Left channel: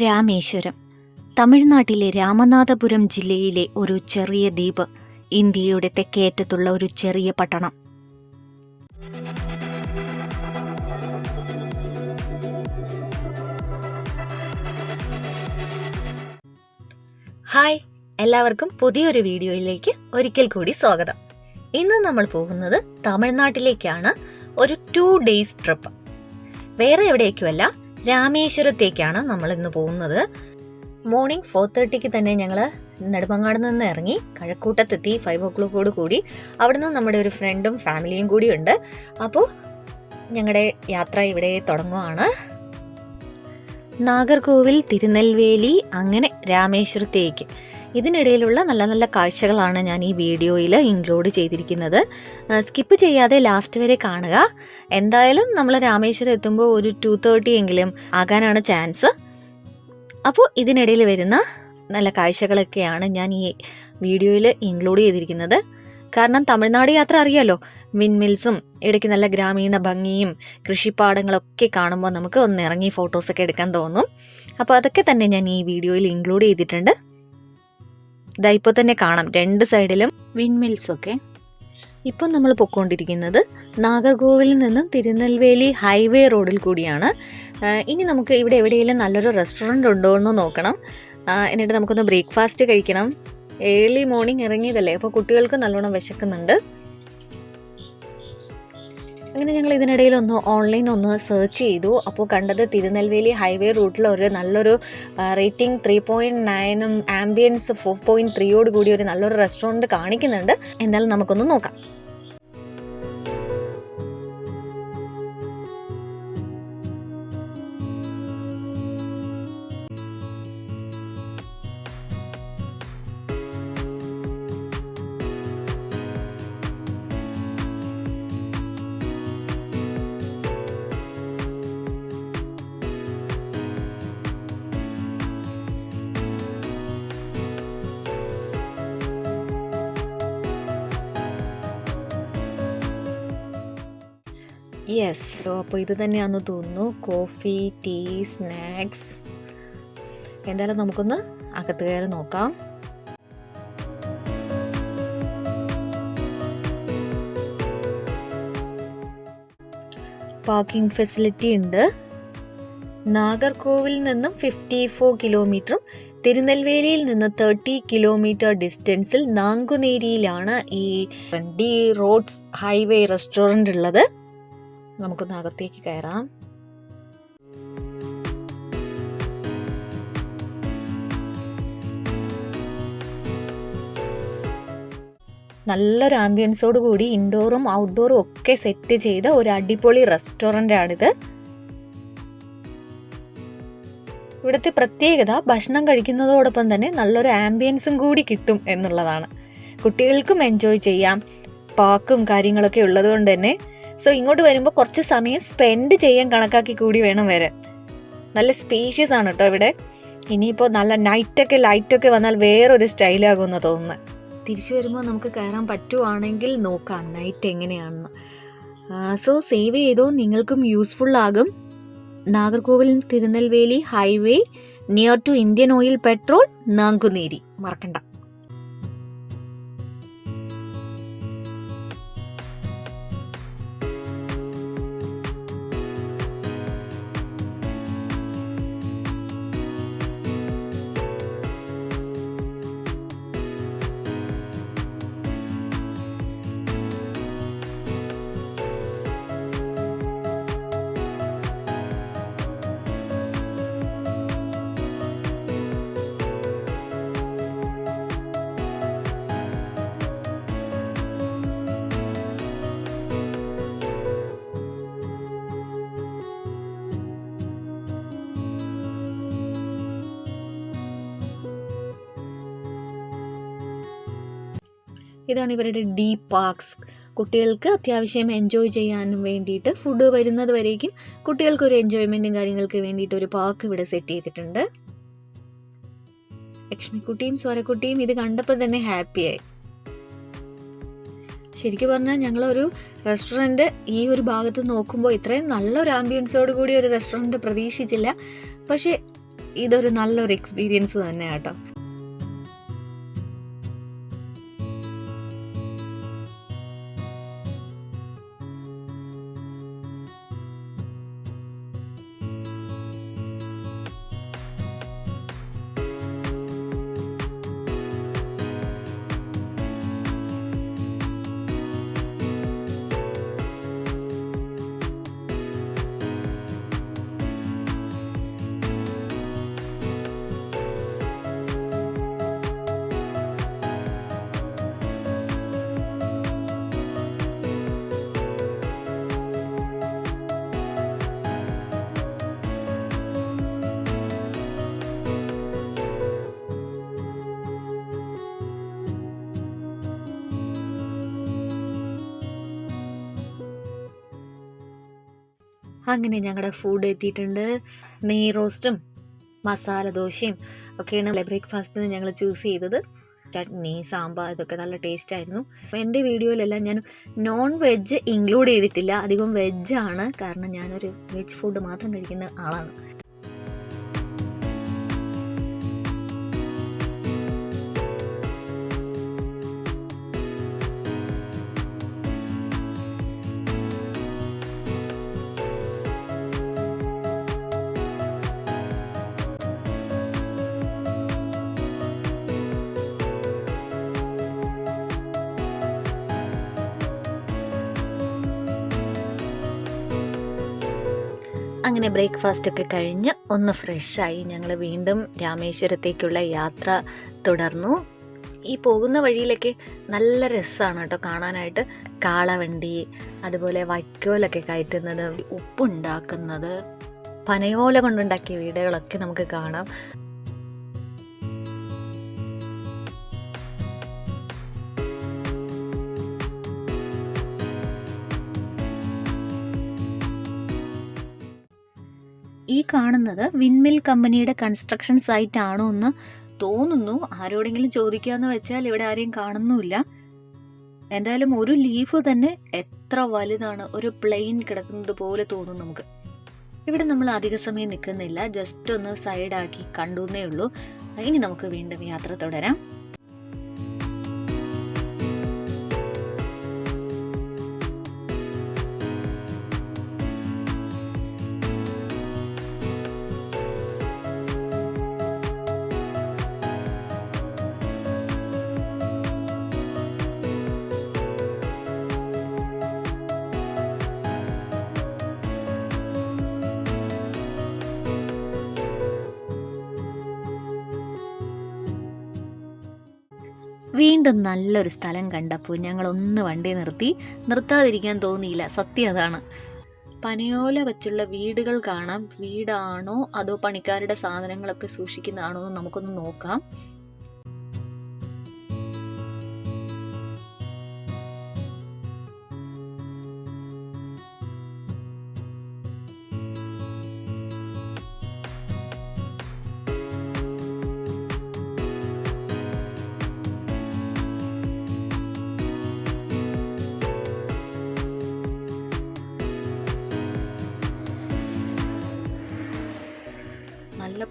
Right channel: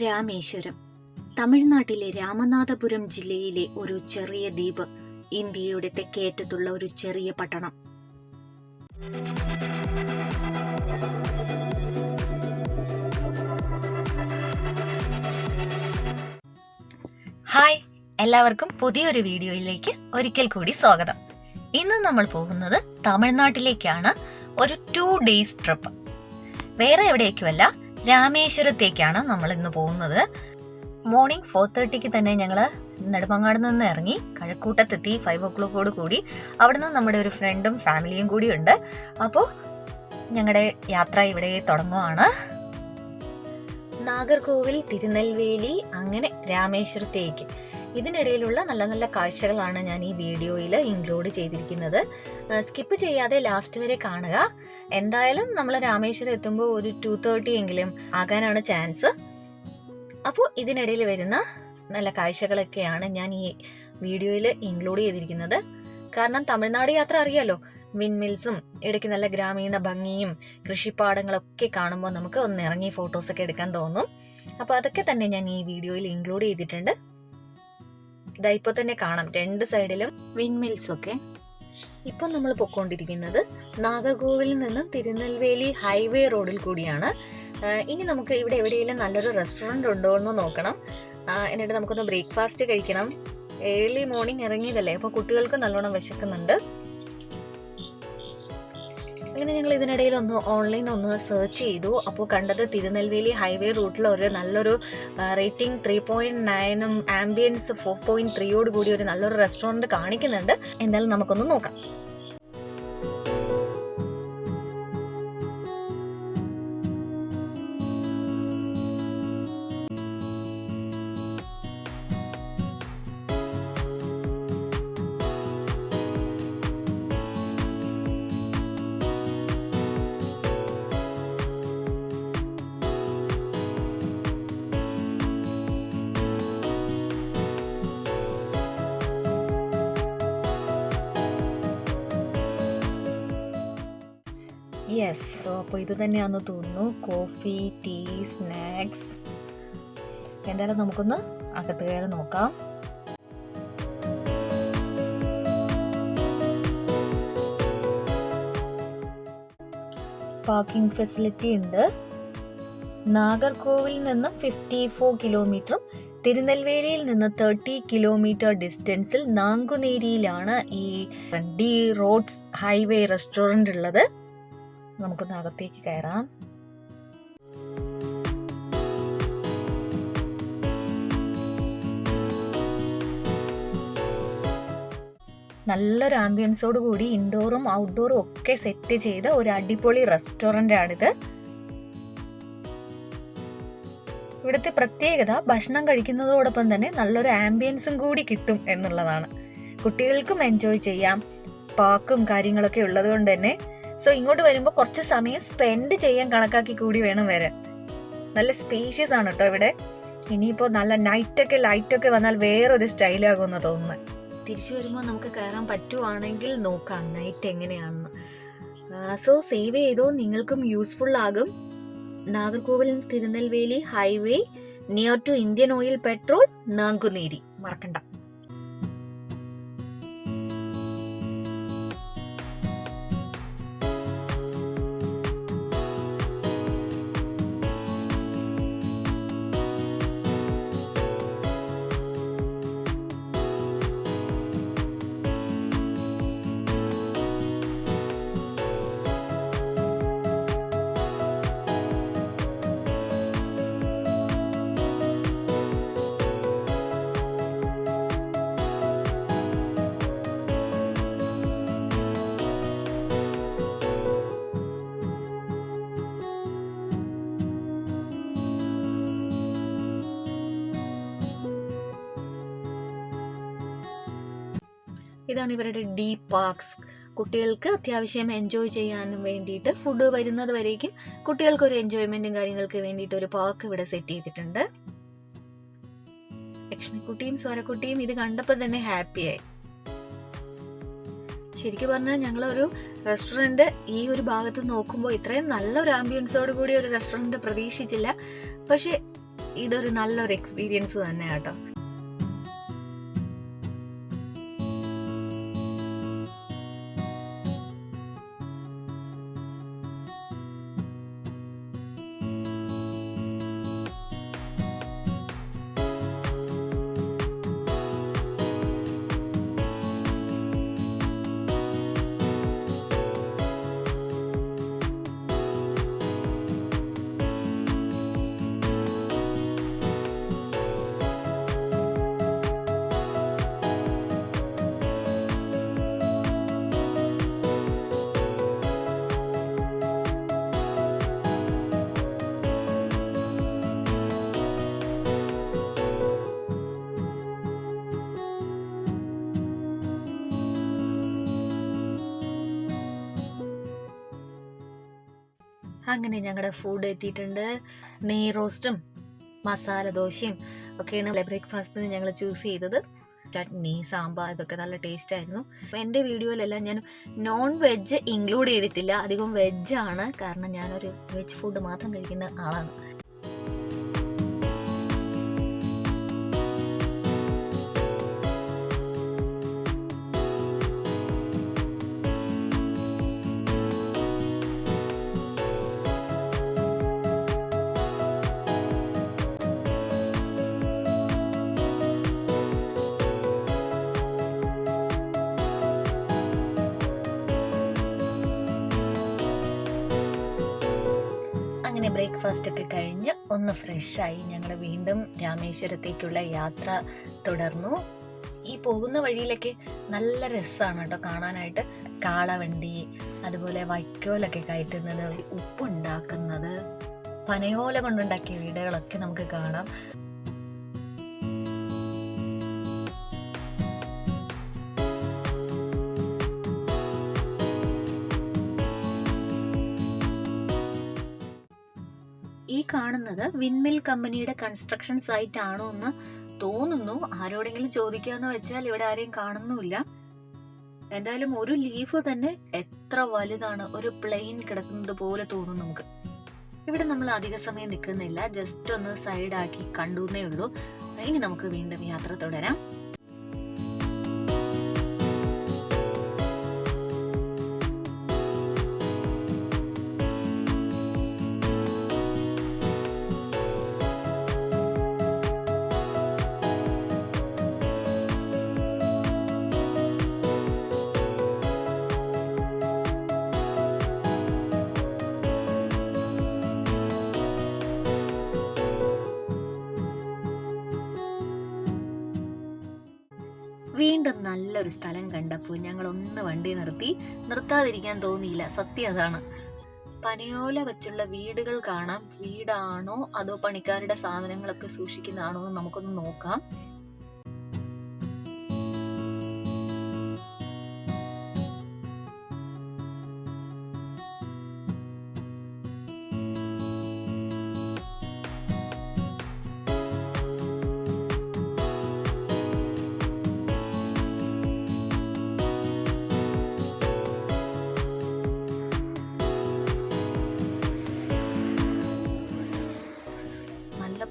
രാമേശ്വരം തമിഴ്നാട്ടിലെ രാമനാഥപുരം ജില്ലയിലെ ഒരു ചെറിയ ദ്വീപ്. ഇന്ത്യയുടെ തെക്കേയറ്റത്തുള്ള ഒരു ചെറിയ പട്ടണം. ഹായ്, എല്ലാവർക്കും പുതിയൊരു വീഡിയോയിലേക്ക് ഒരിക്കൽ കൂടി സ്വാഗതം. ഇന്ന് നമ്മൾ പോകുന്നത് തമിഴ്നാട്ടിലേക്കാണ്. ഒരു 2 days ട്രിപ്പ്. വേറെ എവിടേക്കുമല്ല, രാമേശ്വരത്തേക്കാണ് നമ്മൾ ഇന്ന് പോകുന്നത്. മോർണിംഗ് 4:30 തന്നെ ഞങ്ങൾ നെടുമങ്ങാട് നിന്ന് ഇറങ്ങി കഴക്കൂട്ടത്തെത്തി. 5 o'clock കൂടി അവിടെ നിന്ന് നമ്മുടെ ഒരു ഫ്രണ്ടും ഫാമിലിയും കൂടി ഉണ്ട്. അപ്പോൾ ഞങ്ങളുടെ യാത്ര ഇവിടെ തുടങ്ങുകയാണ്. നാഗർകോവിൽ, തിരുനെൽവേലി, അങ്ങനെ രാമേശ്വരത്തേക്ക്. ഇതിനിടയിലുള്ള നല്ല നല്ല കാഴ്ചകളാണ് ഞാൻ ഈ വീഡിയോയിൽ ഇൻക്ലൂഡ് ചെയ്തിരിക്കുന്നത്. സ്കിപ്പ് ചെയ്യാതെ ലാസ്റ്റ് വരെ കാണുക. എന്തായാലും നമ്മൾ രാമേശ്വരം എത്തുമ്പോൾ ഒരു 2:30 എങ്കിലും ആകാനാണ് ചാൻസ്. അപ്പോൾ ഇതിനിടയിൽ വരുന്ന നല്ല കാഴ്ചകളൊക്കെയാണ് ഞാൻ ഈ വീഡിയോയിൽ ഇൻക്ലൂഡ് ചെയ്തിരിക്കുന്നത്. കാരണം തമിഴ്നാട് യാത്ര അറിയാലോ, വിൻമിൽസും ഇടയ്ക്ക് നല്ല ഗ്രാമീണ ഭംഗിയും കൃഷിപ്പാടങ്ങളൊക്കെ കാണുമ്പോൾ നമുക്ക് ഒന്ന് ഇറങ്ങി ഫോട്ടോസൊക്കെ എടുക്കാൻ തോന്നും. അപ്പോൾ അതൊക്കെ തന്നെ ഞാൻ ഈ വീഡിയോയിൽ ഇൻക്ലൂഡ് ചെയ്തിട്ടുണ്ട്. ഇതാ ഇപ്പോൾ തന്നെ കാണാം 2 സൈഡിലും വിൻമിൽസൊക്കെ. ഇപ്പം നമ്മൾ പൊയ്ക്കൊണ്ടിരിക്കുന്നത് നാഗർകോവിലിൽ നിന്നും തിരുനെൽവേലി ഹൈവേ റോഡിൽ കൂടിയാണ്. ഇനി നമുക്ക് ഇവിടെ എവിടെയെങ്കിലും നല്ലൊരു റെസ്റ്റോറൻറ്റ് ഉണ്ടോ എന്ന് നോക്കണം. എന്നിട്ട് നമുക്കൊന്ന് ബ്രേക്ക്ഫാസ്റ്റ് കഴിക്കണം. ഏർലി മോർണിംഗ് ഇറങ്ങിയതല്ലേ, അപ്പോൾ കുട്ടികൾക്ക് നല്ലോണം വിശക്കുന്നുണ്ട്. അങ്ങനെ ഞങ്ങൾ ഇതിനിടയിൽ ഓൺലൈൻ സെർച്ച് ചെയ്തു. അപ്പോൾ കണ്ടത് തിരുനെൽവേലി ഹൈവേ റൂട്ടിൽ ഒരു നല്ലൊരു റേറ്റിംഗ് 3.9 ആംബിയൻസ് 4.3 കൂടി ഒരു നല്ലൊരു റെസ്റ്റോറൻറ്റ് കാണിക്കുന്നുണ്ട്. എന്തായാലും നമുക്കൊന്ന് നോക്കാം. യെസ്, സോ അപ്പോൾ ഇത് തന്നെയാണെന്ന് തോന്നുന്നു. Coffee, tea, snacks. എന്തായാലും നമുക്കൊന്ന് അകത്ത് കയറി നോക്കാം. പാർക്കിംഗ് ഫെസിലിറ്റി ഉണ്ട്. നാഗർകോവിൽ നിന്നും 54 കിലോമീറ്ററും തിരുനെൽവേലിയിൽ നിന്ന് 30 കിലോമീറ്റർ ഡിസ്റ്റൻസിൽ നാങ്കുനേരിയിലാണ് ഈ ഡി റോഡ്സ് ഹൈവേ റെസ്റ്റോറൻറ്റ് ഉള്ളത്. നമുക്കൊന്ന് അകത്തേക്ക് കയറാം. നല്ലൊരു ആംബിയൻസോട് കൂടി ഇൻഡോറും ഔട്ട്ഡോറും ഒക്കെ സെറ്റ് ചെയ്ത ഒരു അടിപൊളി റെസ്റ്റോറൻ്റ് ആണിത്. ഇവിടുത്തെ പ്രത്യേകത ഭക്ഷണം കഴിക്കുന്നതോടൊപ്പം തന്നെ നല്ലൊരു ആംബിയൻസും കൂടി കിട്ടും എന്നുള്ളതാണ്. കുട്ടികൾക്കും എൻജോയ് ചെയ്യാം. പാർക്കും കാര്യങ്ങളൊക്കെ ഉള്ളത് കൊണ്ട് തന്നെ സോ ഇങ്ങോട്ട് വരുമ്പോൾ കുറച്ച് സമയം സ്പെൻഡ് ചെയ്യാൻ കണക്കാക്കി കൂടി വേണം വരാൻ. നല്ല സ്പേഷ്യസ് ആണ് കേട്ടോ ഇവിടെ. ഇനിയിപ്പോൾ നല്ല ലൈറ്റൊക്കെ വന്നാൽ വേറൊരു സ്റ്റൈലാകുമെന്ന് തോന്നുന്നത്. തിരിച്ചു വരുമ്പോൾ നമുക്ക് കയറാൻ പറ്റുവാണെങ്കിൽ നോക്കാം നൈറ്റ് എങ്ങനെയാണെന്ന്. സോ സേവ് ചെയ്തോ, നിങ്ങൾക്കും യൂസ്ഫുൾ ആകും. Nagercoil Tirunelveli highway near to Indian oil petrol, Nanguneri. മറക്കണ്ട. ഇതാണ് ഇവരുടെ ഡീ പാർക്സ്. കുട്ടികൾക്ക് അത്യാവശ്യം എൻജോയ് ചെയ്യാനും വേണ്ടിയിട്ട് ഫുഡ് വരുന്നത് വരേക്കും കുട്ടികൾക്കൊരു എൻജോയ്മെൻറ്റും കാര്യങ്ങൾക്ക് വേണ്ടിയിട്ട് ഒരു പാർക്ക് ഇവിടെ സെറ്റ് ചെയ്തിട്ടുണ്ട്. ലക്ഷ്മിക്കുട്ടിയും സ്വരക്കുട്ടിയും ഇത് കണ്ടപ്പോൾ തന്നെ ഹാപ്പിയായി. ശരിക്കും പറഞ്ഞാൽ ഞങ്ങളൊരു റെസ്റ്റോറൻറ്റ് ഈ ഒരു ഭാഗത്ത് നോക്കുമ്പോൾ ഇത്രയും നല്ലൊരു ആംബിയൻസോട് കൂടി ഒരു റെസ്റ്റോറൻറ്റ് പ്രതീക്ഷിച്ചില്ല. പക്ഷേ ഇതൊരു നല്ലൊരു എക്സ്പീരിയൻസ് തന്നെ കേട്ടോ. അങ്ങനെ ഞങ്ങളുടെ ഫുഡ് എത്തിയിട്ടുണ്ട്. നെയ് റോസ്റ്റും മസാല ദോശയും ഒക്കെയാണ് ബ്രേക്ക്ഫാസ്റ്റിന് ഞങ്ങൾ ചൂസ് ചെയ്തത്. ചട്നി, സാമ്പാർ ഇതൊക്കെ നല്ല ടേസ്റ്റ് ആയിരുന്നു. എൻ്റെ വീഡിയോയിലെല്ലാം ഞാൻ നോൺ വെജ് ഇൻക്ലൂഡ് ചെയ്തിട്ടില്ല, അധികം വെജാണ്. കാരണം ഞാനൊരു വെജ് ഫുഡ് മാത്രം കഴിക്കുന്ന ആളാണ്. അങ്ങനെ ബ്രേക്ക്ഫാസ്റ്റ് ഒക്കെ കഴിഞ്ഞ് ഒന്ന് ഫ്രഷായി ഞങ്ങൾ വീണ്ടും രാമേശ്വരത്തേക്കുള്ള യാത്ര തുടർന്നു. ഈ പോകുന്ന വഴിയിലൊക്കെ നല്ല രസമാണ് കേട്ടോ കാണാനായിട്ട്. കാളവണ്ടി, അതുപോലെ വൈക്കോലൊക്കെ കയറ്റുന്നത്, ഉപ്പുണ്ടാക്കുന്നത്, പനയോല കൊണ്ടുണ്ടാക്കിയ വീടുകളൊക്കെ നമുക്ക് കാണാം. ഈ കാണുന്നത് വിൻമിൽ കമ്പനിയുടെ കൺസ്ട്രക്ഷൻ സൈറ്റ് ആണോ എന്ന് തോന്നുന്നു. ആരോടെങ്കിലും ചോദിക്കാന്ന് വെച്ചാൽ ഇവിടെ ആരെയും കാണുന്നുമില്ല. എന്തായാലും ഒരു ലീഫ് തന്നെ എത്ര വലുതാണ്, ഒരു പ്ലെയിൻ കിടക്കുന്നത് പോലെ തോന്നും നമുക്ക്. ഇവിടെ നമ്മൾ അധിക സമയം നിൽക്കുന്നില്ല, ജസ്റ്റ് ഒന്ന് സൈഡാക്കി കണ്ടുവന്നേ ഉള്ളൂ. ഇനി നമുക്ക് വീണ്ടും യാത്ര തുടരാം. വീണ്ടും നല്ലൊരു സ്ഥലം കണ്ടപ്പോൾ ഞങ്ങളൊന്ന് വണ്ടി നിർത്താതിരിക്കാൻ തോന്നിയില്ല. സത്യം അതാണ്. പനയോല വെച്ചുള്ള വീടുകൾ കാണാം. വീടാണോ അതോ പണിക്കാരുടെ സാധനങ്ങളൊക്കെ സൂക്ഷിക്കുന്നതാണോ എന്ന് നമുക്കൊന്ന് നോക്കാം.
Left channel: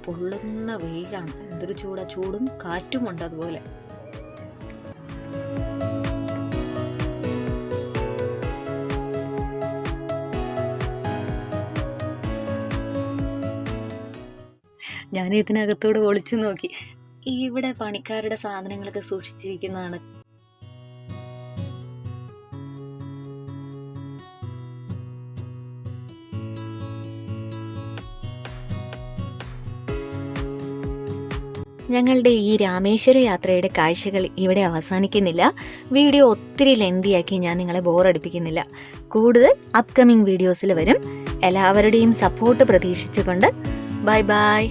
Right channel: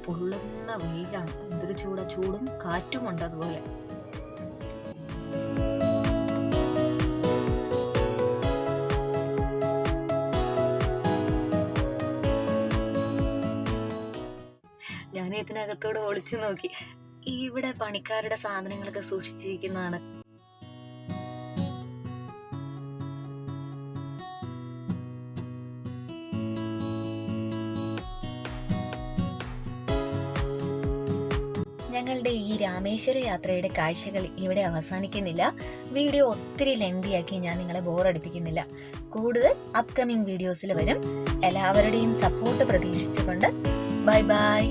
പൊള്ളുന്ന വെയിലാണ്. എന്തൊരു ചൂടും കാറ്റുമുണ്ട് അതുപോലെ. ഞാൻ ഇതിനകത്തോട് ഒളിച്ചു നോക്കി. ഇവിടെ പണിക്കാരുടെ സാധനങ്ങളൊക്കെ സൂക്ഷിച്ചിരിക്കുന്നതാണ്. ഞങ്ങളുടെ ഈ രാമേശ്വര യാത്രയുടെ കാഴ്ചകൾ ഇവിടെ അവസാനിക്കുന്നില്ല. വീഡിയോ ഒത്തിരി ലെന്തിയാക്കി ഞാൻ നിങ്ങളെ ബോറടിപ്പിക്കുന്നില്ല. കൂടുതൽ അപ്കമിങ് വീഡിയോസിൽ വരും. എല്ലാവരുടെയും സപ്പോർട്ട് പ്രതീക്ഷിച്ചുകൊണ്ട് ബൈ ബൈ.